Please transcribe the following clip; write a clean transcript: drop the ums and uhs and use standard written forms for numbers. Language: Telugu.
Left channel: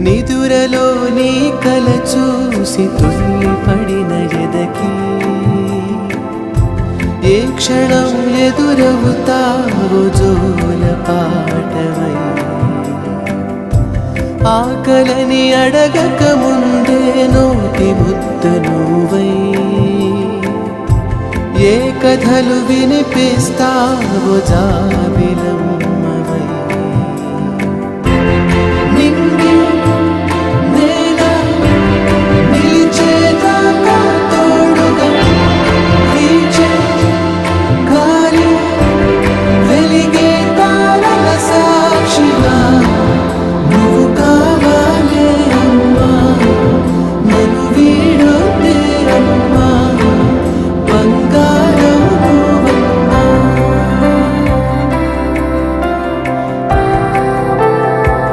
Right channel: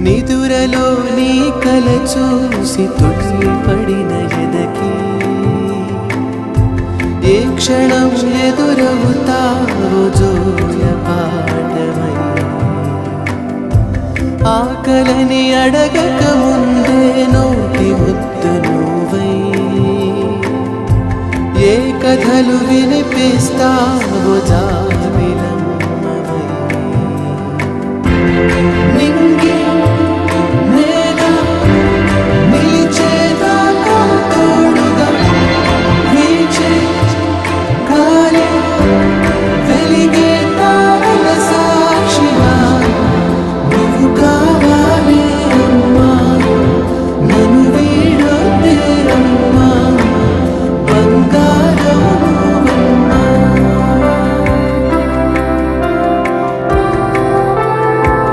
నిదురలో నీ కల చూసి తుళ్ళిపడిన ఎదకి ఏ క్షణం ఎదురవుతావో జోల పాటవై ఆకలని అడగక ముందే నోటి ముద్ద నువ్వై ఏ కథలు వినిపిస్తావో జాబిలమ్మ